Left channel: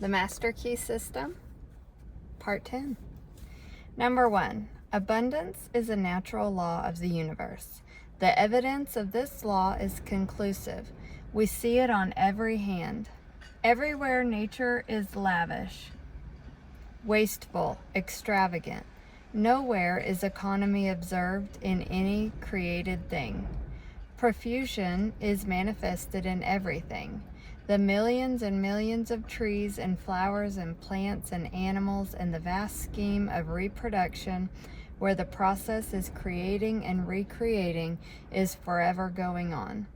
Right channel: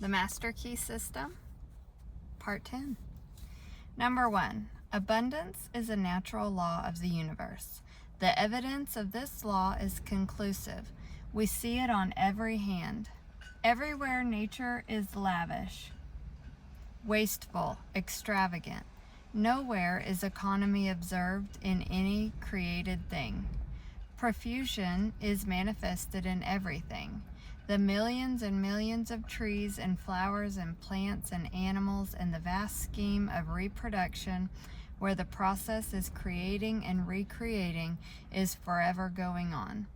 The Master Key System, Part 10. Number 1. Abundance is a natural law of the universe. The evidence of this law is conclusive. We see it on every hand. Everywhere nature is lavish, wasteful, extravagant. Nowhere is economy observed in any created thing. Profusion is manifested in everything. The millions and millions of trees and flowers and plants and animals and the vast scheme of reproduction, where the process is creating and recreating, is forever going on.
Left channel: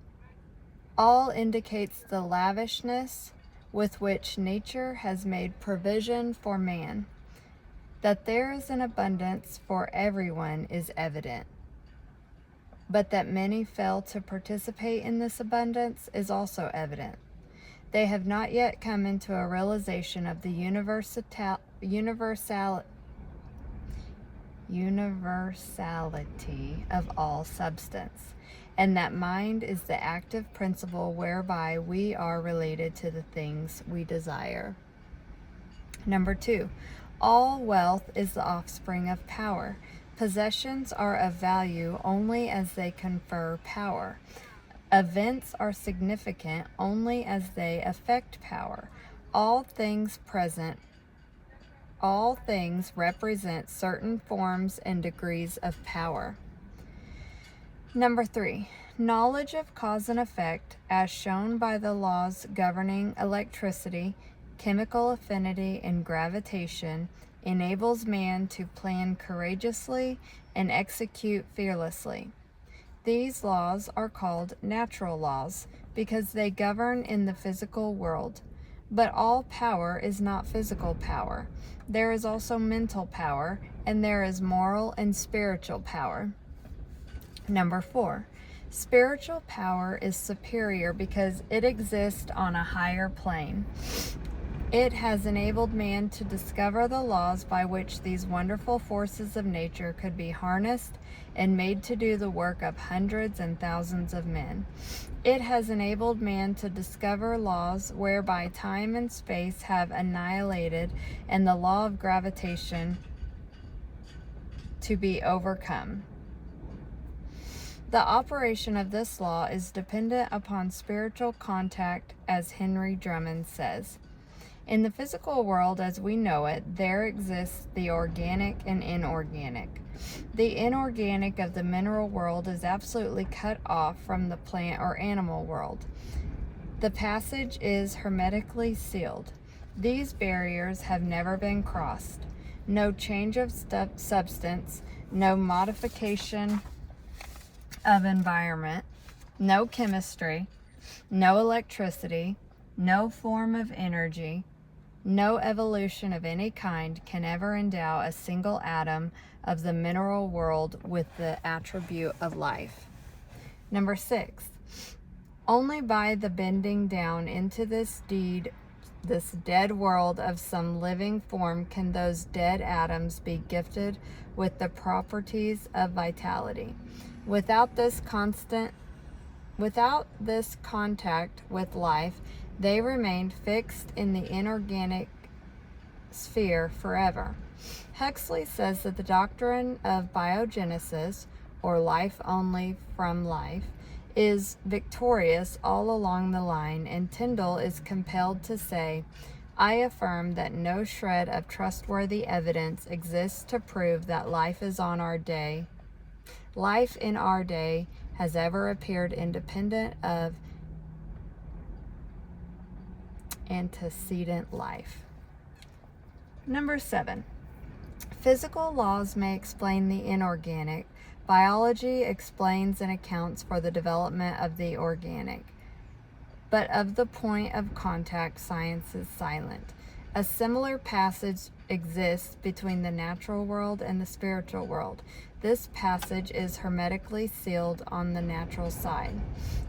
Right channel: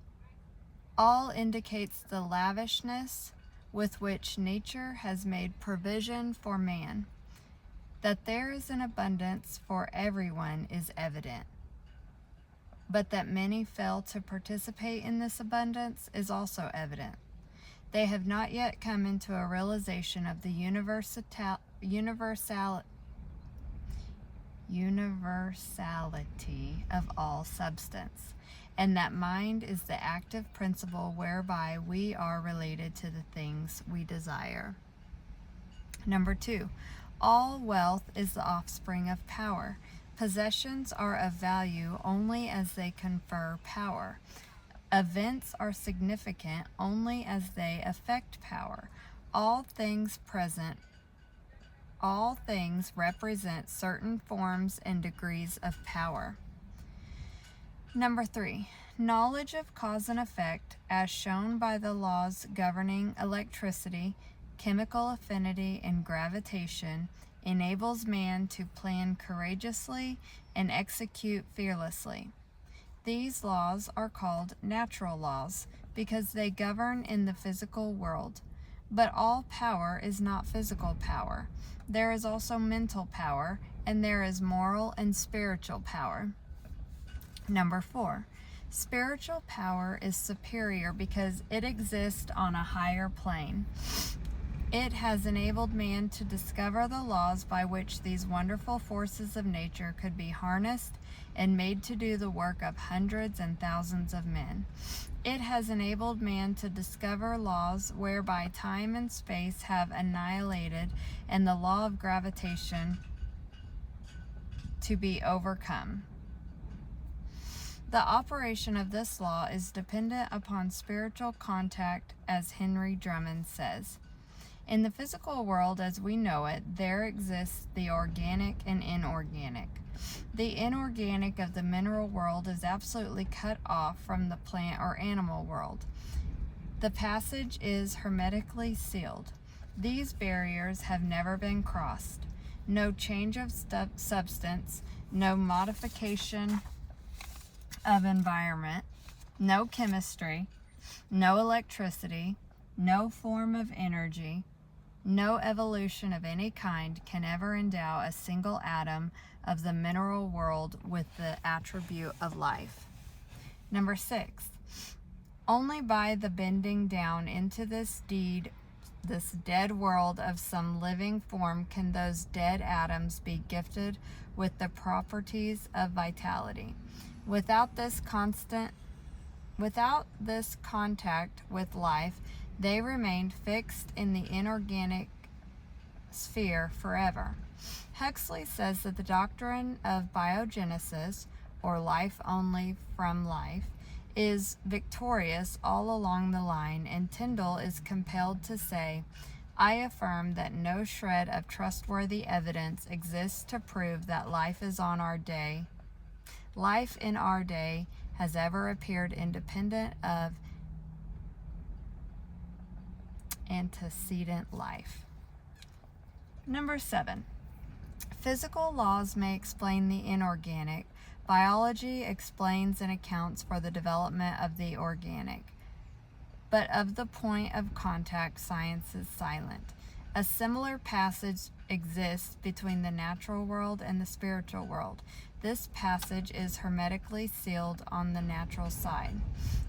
All indicates the lavishness with which nature has made provision for man. That there is an abundance for everyone is evident. But that many fail to participate in this abundance is also evident. They have not yet come into a realization of the universality of all substance, and that mind is the active principle whereby we are related to the things we desire. Number 2. All wealth is the offspring of power. Possessions are of value only as they confer power. Events are significant only as they affect power. All things represent certain forms and degrees of power. Number 3. Knowledge of cause and effect, as shown by the laws governing electricity, chemical affinity, and gravitation, enables man to plan courageously and execute fearlessly. These laws are called natural laws because they govern in the physical world. But all power is not physical power. There is also mental power, and there is moral and spiritual power. Number 4. Spiritual power is superior because it exists on a higher plane. It has enabled man to discover the laws by which these wonderful forces of nature could be harnessed and made to do the work of hundreds and thousands of men. It has enabled man to discover laws whereby time and space have annihilated and the law of gravitation to be overcome. The operation of this law is dependent upon spiritual contact, as Henry Drummond says. In the physical world as we know it, there exists the organic and inorganic. The inorganic of the mineral world is absolutely cut off from the plant or animal world. The passage is hermetically sealed. These barriers have never been crossed. No change of substance, no modification of environment, no chemistry, no electricity, no form of energy, no evolution of any kind can ever endow a single atom of the mineral world with the attribute of life. Number 6. Only by the bending down into this dead world of some living form can those dead atoms be gifted with the properties of vitality. Without this contact with life, they remained fixed in the inorganic sphere forever. Huxley says that the doctrine of biogenesis, or life only from life, is victorious all along the line, and Tyndall is compelled to say, "I affirm that no shred of trustworthy evidence exists to prove that life in our day has ever appeared independent of antecedent life." Number 7. Physical laws may explain the inorganic. Biology explains and accounts for the development of the organic. But of the point of contact, science is silent. A similar passage exists between the natural world and the spiritual world. This passage is hermetically sealed on the natural side.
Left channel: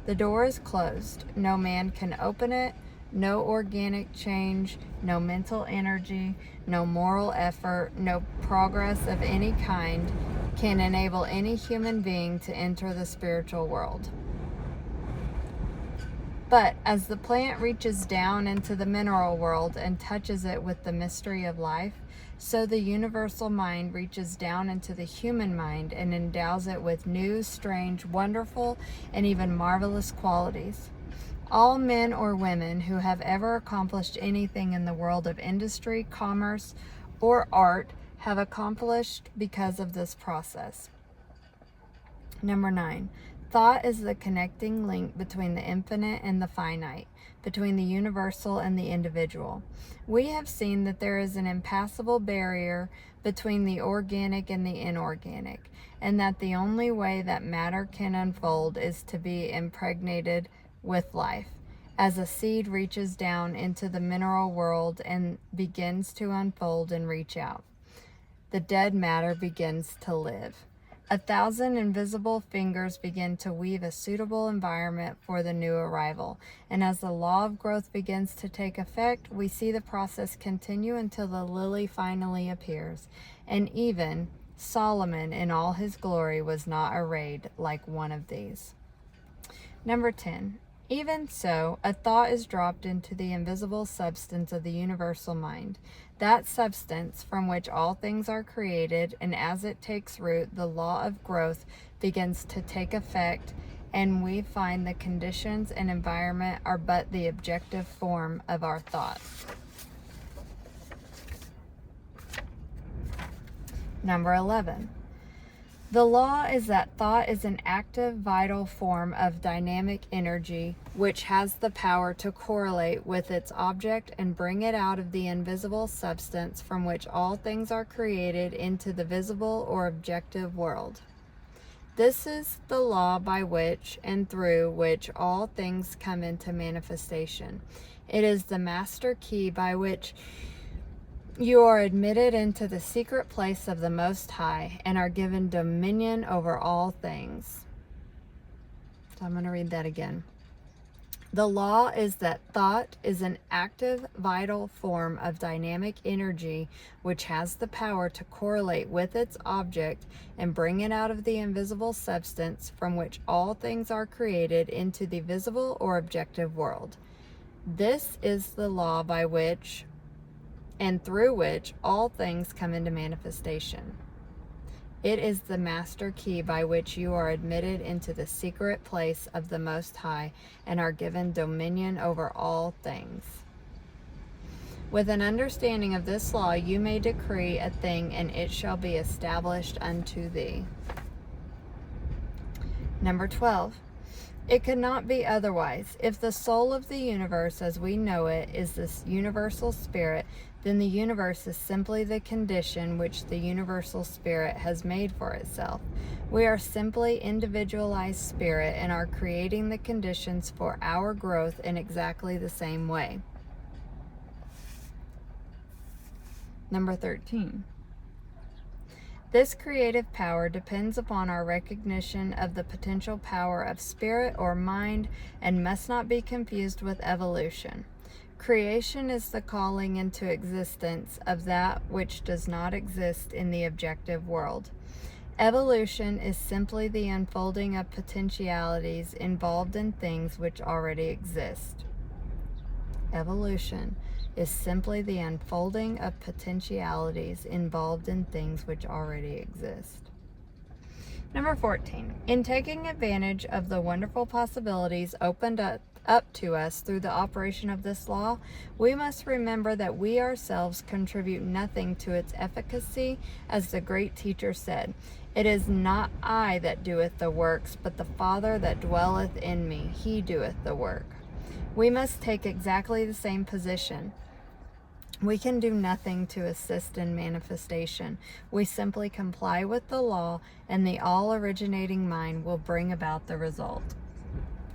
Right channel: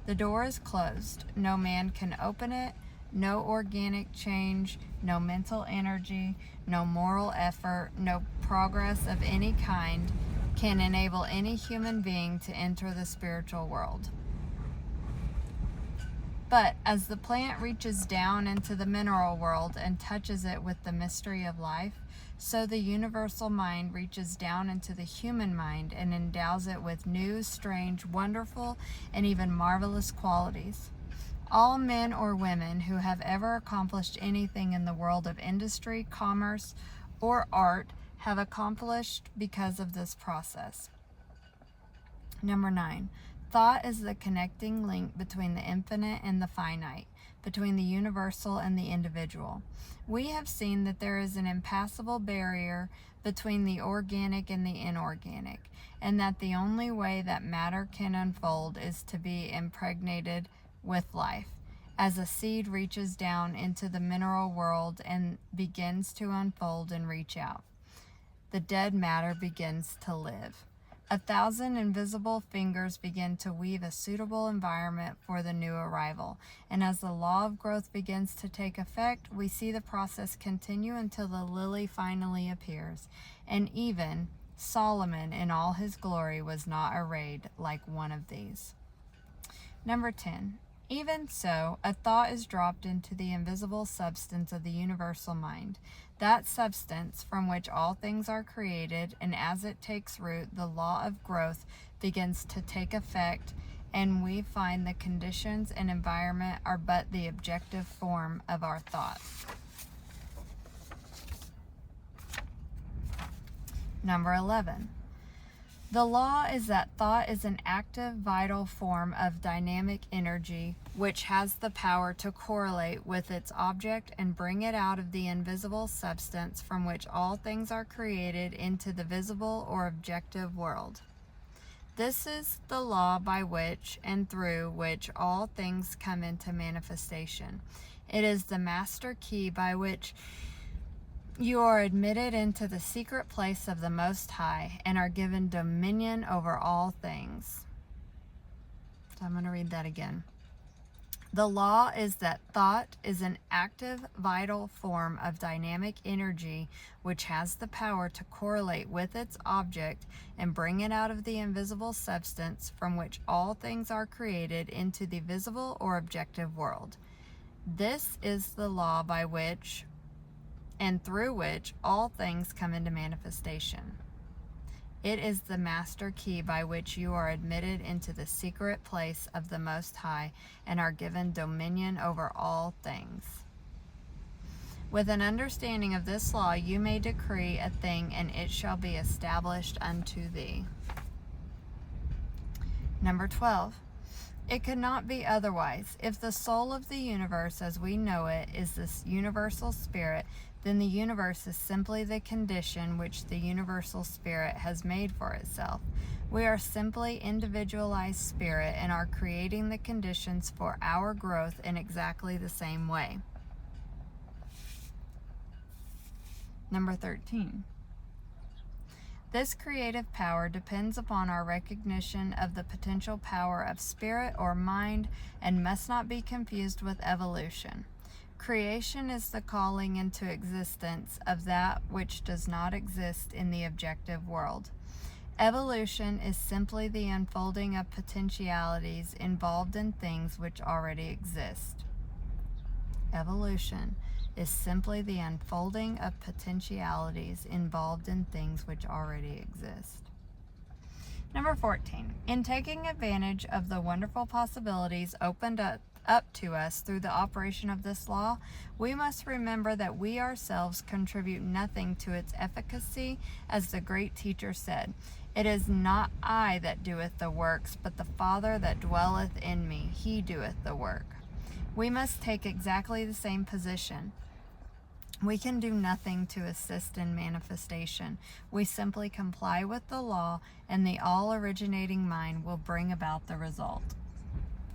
The door is closed. No man can open it. No organic change, no mental energy, no moral effort, no progress of any kind can enable any human being to enter the spiritual world. But as the plant reaches down into the mineral world and touches it with the mystery of life, so the universal mind reaches down into the human mind and endows it with new, strange, wonderful, and even marvelous qualities. All men or women who have ever accomplished anything in the world of industry, commerce, or art have accomplished because of this process. Number 9. Thought is the connecting link between the infinite and the finite, between the universal and the individual. We have seen that there is an impassable barrier between the organic and the inorganic, and that the only way that matter can unfold is to be impregnated with life. As a seed reaches down into the mineral world and begins to unfold and reach out, the dead matter begins to live. 1,000 invisible fingers begin to weave a suitable environment for the new arrival. And as the law of growth begins to take effect, we see the process continue until the lily finally appears. And even Solomon in all his glory was not arrayed like one of these. Number 10. Even so, a thought is dropped into the invisible substance of the universal mind, that substance from which all things are created, and as it takes root, the law of growth begins to take effect, and we find the conditions and environment are but the objective form of our thought. Number 11. The law is that thought is an active, vital form of dynamic energy which has the power to correlate with its object and bring it out of the invisible substance from which all things are created into the visible or objective world. This is the law by which and through which all things come into manifestation. It is the master key by which you are admitted into the secret place of the Most High and are given dominion over all things. So I'm going to read that again. The law is that thought is an active, vital form of dynamic energy which has the power to correlate with its object and bring it out of the invisible substance from which all things are created into the visible or objective world. This is the law by which and through which all things come into manifestation. It is the master key by which you are admitted into the secret place of the Most High and are given dominion over all things. With an understanding of this law, you may decree a thing, and it shall be established unto thee. Number 12. It could not be otherwise. If the soul of the universe as we know it is this universal spirit, then the universe is simply the condition which the universal spirit has made for itself. We are simply individualized spirit and are creating the conditions for our growth in exactly the same way. Number 13. This creative power depends upon our recognition of the potential power of spirit or mind and must not be confused with evolution. Creation is the calling into existence of that which does not exist in the objective world. Evolution is simply the unfolding of potentialities involved in things which already exist. Evolution is simply the unfolding of potentialities involved in things which already exist. Number 14. In taking advantage of the wonderful possibilities opened up to us through the operation of this law, we must remember that we ourselves contribute nothing to its efficacy, as the great teacher said, "It is not I that doeth the works, but the Father that dwelleth in me, he doeth the work." We must take exactly the same position. We can do nothing to assist in manifestation. We simply comply with the law, and the all-originating mind will bring about the result.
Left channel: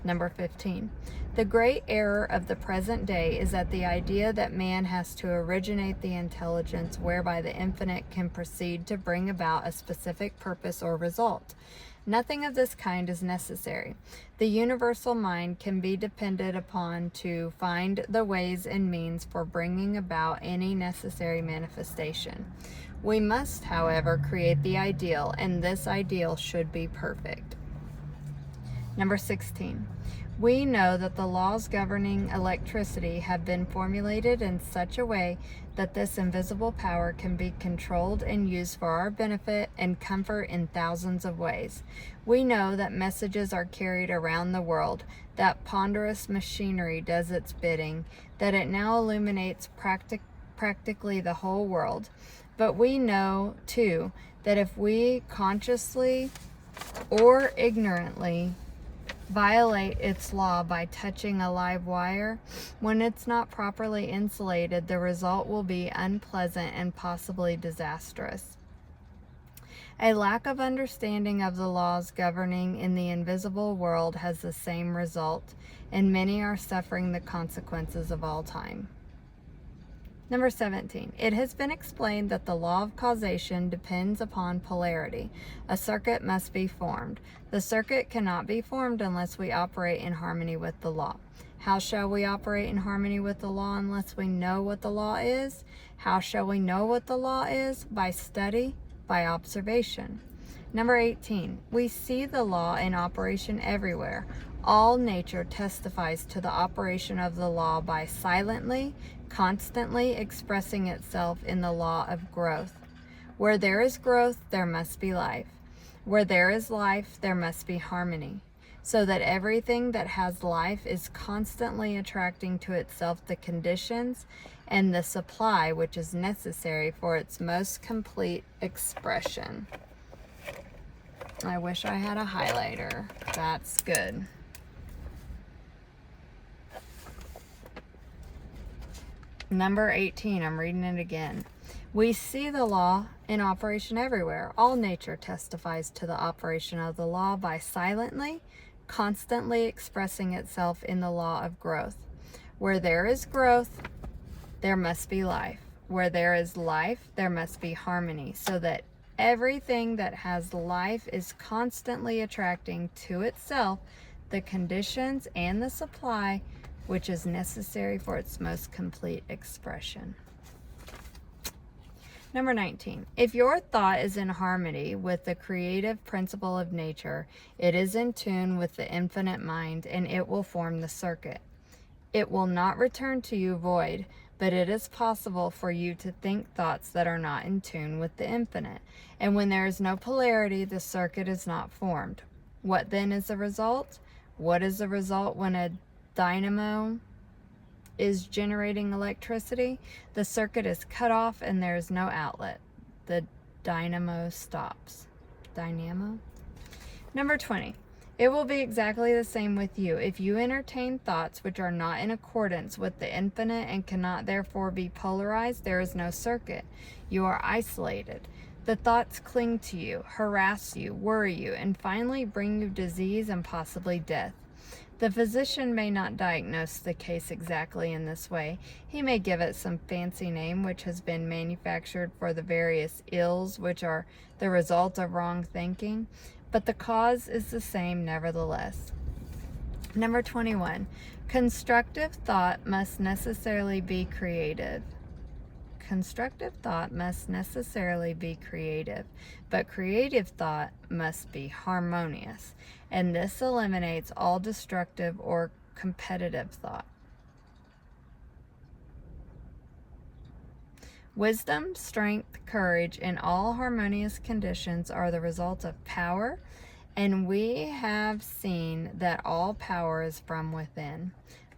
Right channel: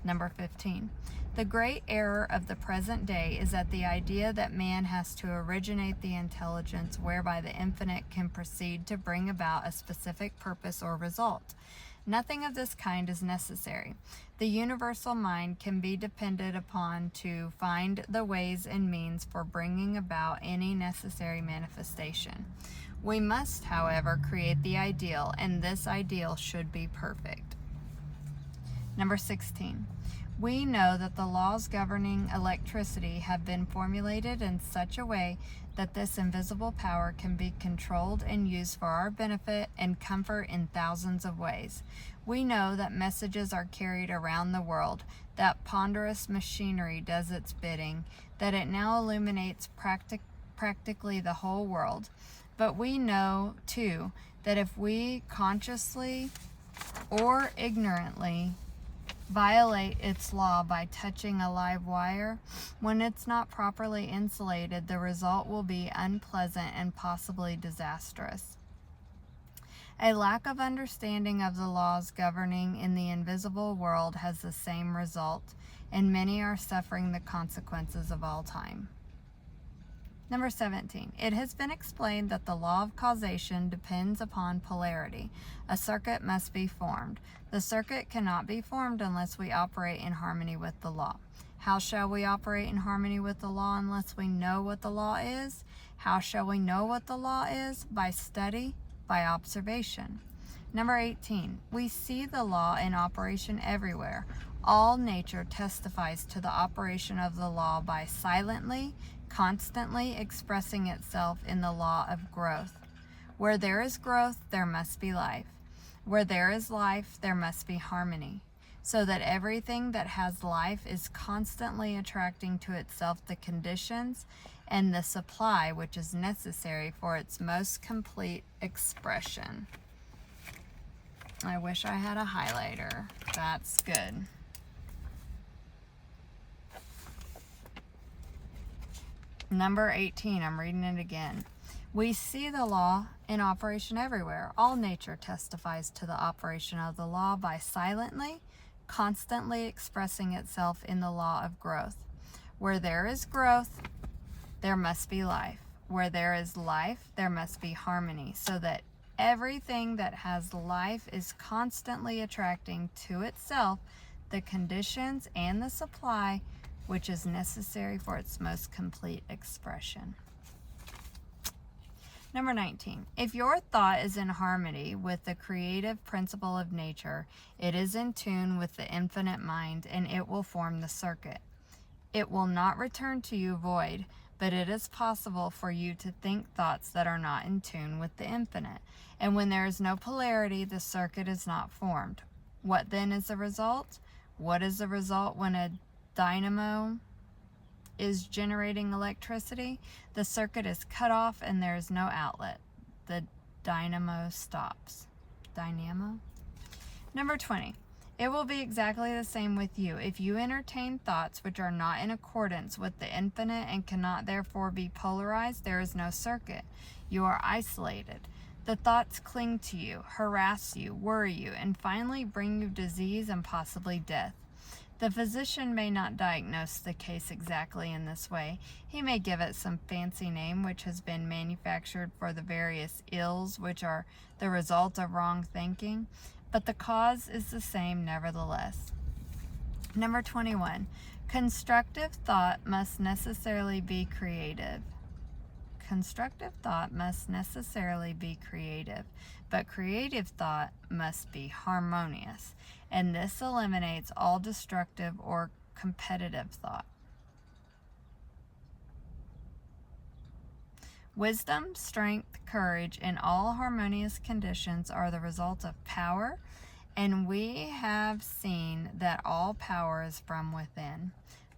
Number 15. The great error of the present day is that the idea that man has to originate the intelligence whereby the infinite can proceed to bring about a specific purpose or result. Nothing of this kind is necessary. The universal mind can be depended upon to find the ways and means for bringing about any necessary manifestation. We must, however, create the ideal, and this ideal should be perfect. Number 16. We know that the laws governing electricity have been formulated in such a way that this invisible power can be controlled and used for our benefit and comfort in thousands of ways. We know that messages are carried around the world, that ponderous machinery does its bidding, that it now illuminates practically the whole world. But we know, too, that if we consciously or ignorantly violate its law by touching a live wire, when it's not properly insulated, the result will be unpleasant and possibly disastrous. A lack of understanding of the laws governing in the invisible world has the same result, and many are suffering the consequences of all time. Number 17, it has been explained that the law of causation depends upon polarity. A circuit must be formed. The circuit cannot be formed unless we operate in harmony with the law. How shall we operate in harmony with the law unless we know what the law is? How shall we know what the law is? By study, by observation. Number 18, we see the law in operation everywhere. All nature testifies to the operation of the law by silently, constantly expressing itself in the law of growth. Where there is growth, there must be life. Where there is life, there must be harmony. So that everything that has life is constantly attracting to itself the conditions and the supply which is necessary for its most complete expression. I wish I had a highlighter. That's good. Number 18, I'm reading it again. We see the law in operation everywhere. All nature testifies to the operation of the law by silently, constantly expressing itself in the law of growth. Where there is growth, there must be life. Where there is life, there must be harmony, so that everything that has life is constantly attracting to itself the conditions and the supply which is necessary for its most complete expression. Number 19, if your thought is in harmony with the creative principle of nature, it is in tune with the infinite mind, and it will form the circuit. It will not return to you void, but it is possible for you to think thoughts that are not in tune with the infinite. And when there is no polarity, the circuit is not formed. What then is the result? What is the result when a dynamo is generating electricity? The circuit is cut off and there is no outlet. The dynamo stops. Dynamo? Number 20. It will be exactly the same with you. If you entertain thoughts which are not in accordance with the infinite and cannot therefore be polarized, there is no circuit. You are isolated. The thoughts cling to you, harass you, worry you, and finally bring you disease and possibly death. The physician may not diagnose the case exactly in this way. He may give it some fancy name which has been manufactured for the various ills which are the result of wrong thinking, but the cause is the same nevertheless. Number 21. Constructive thought must necessarily be creative. Constructive thought must necessarily be creative, but creative thought must be harmonious, and this eliminates all destructive or competitive thought. Wisdom, strength, courage, and all harmonious conditions are the result of power, and we have seen that all power is from within.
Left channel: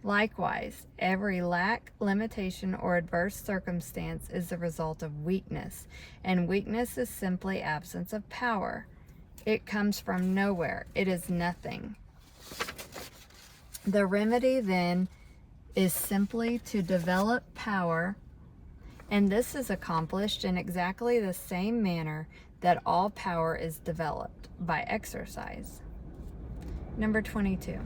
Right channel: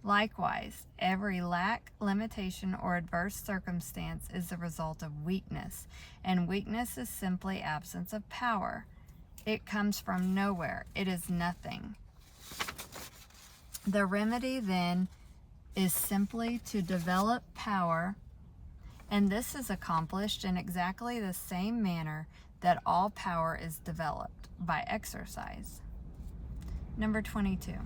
Likewise, every lack, limitation, or adverse circumstance is the result of weakness, and weakness is simply absence of power. It comes from nowhere. It is nothing. The remedy, then, is simply to develop power, and this is accomplished in exactly the same manner that all power is developed, by exercise. Number 22.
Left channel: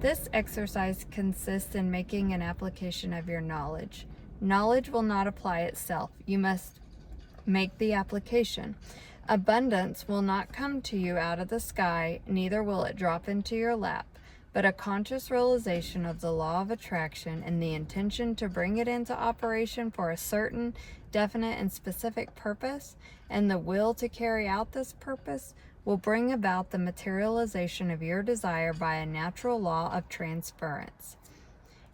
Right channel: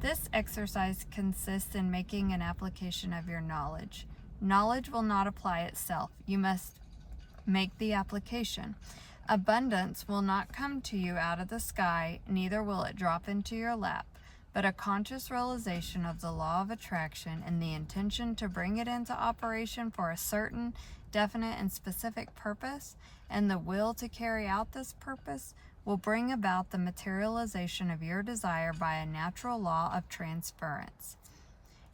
This exercise consists in making an application of your knowledge. Knowledge will not apply itself. You must make the application. Abundance will not come to you out of the sky, neither will it drop into your lap, but a conscious realization of the law of attraction and the intention to bring it into operation for a certain, definite, and specific purpose, and the will to carry out this purpose will bring about the materialization of your desire by a natural law of transference.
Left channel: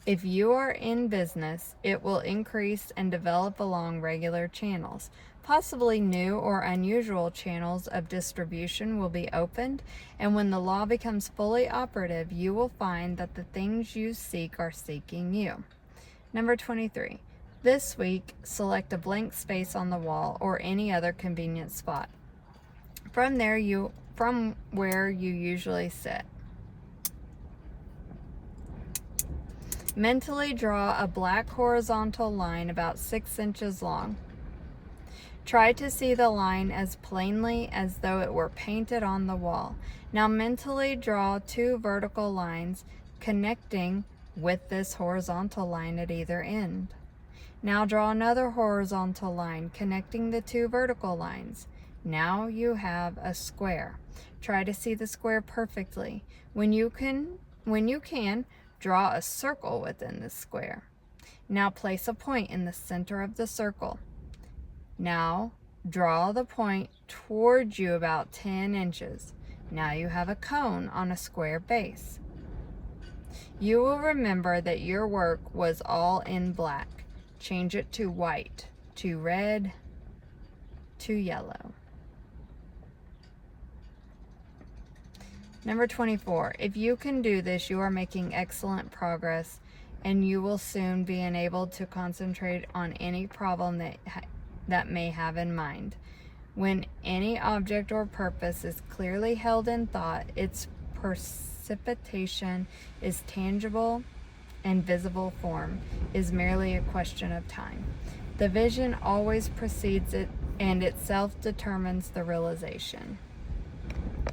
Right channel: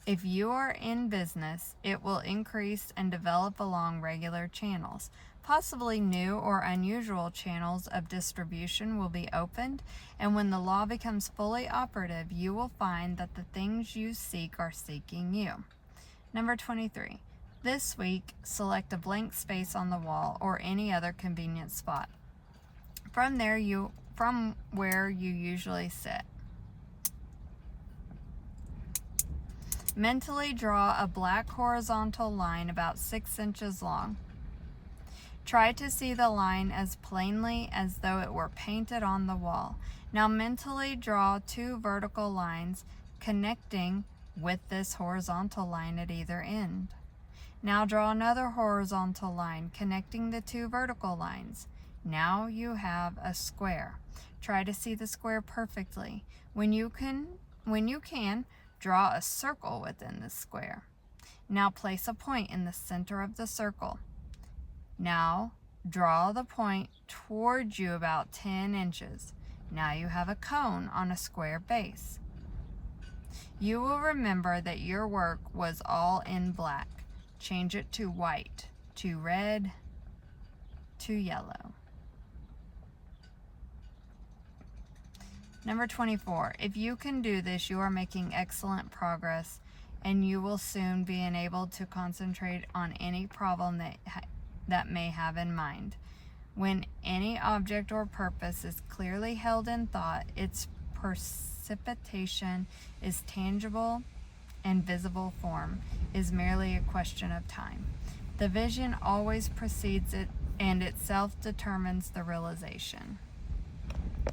If you are in business, it will increase and develop along regular channels. Possibly new or unusual channels of distribution will be opened, and when the law becomes fully operative, you will find that the things you seek are seeking you. Number 23. This week, select a blank space on the wall or any other convenient spot. From where you usually sit. Mentally draw a black horizontal line about 6 inches long. Try to see the line as plainly as though it were painted on the wall. Now mentally draw 2 vertical lines connecting with this horizontal line at either end. Now draw another horizontal line connecting the 2 vertical lines. Now you have a square. Try to see the square perfectly. When you can, draw a circle within the square. Now place a point in the center of the circle. Now draw the point towards you about 10 inches. Now you have a cone on a square base. You will remember that your work was all in black. Change it to white, to red, to yellow. Number 24. If you can do this, you are making excellent progress, and you will soon be enabled to concentrate on any problem that may have in mind. When any object or purpose is clearly held in thought, its precipitation is tangible, and visible form is merely a question of time. The vision always precedes it, and itself determines the realization.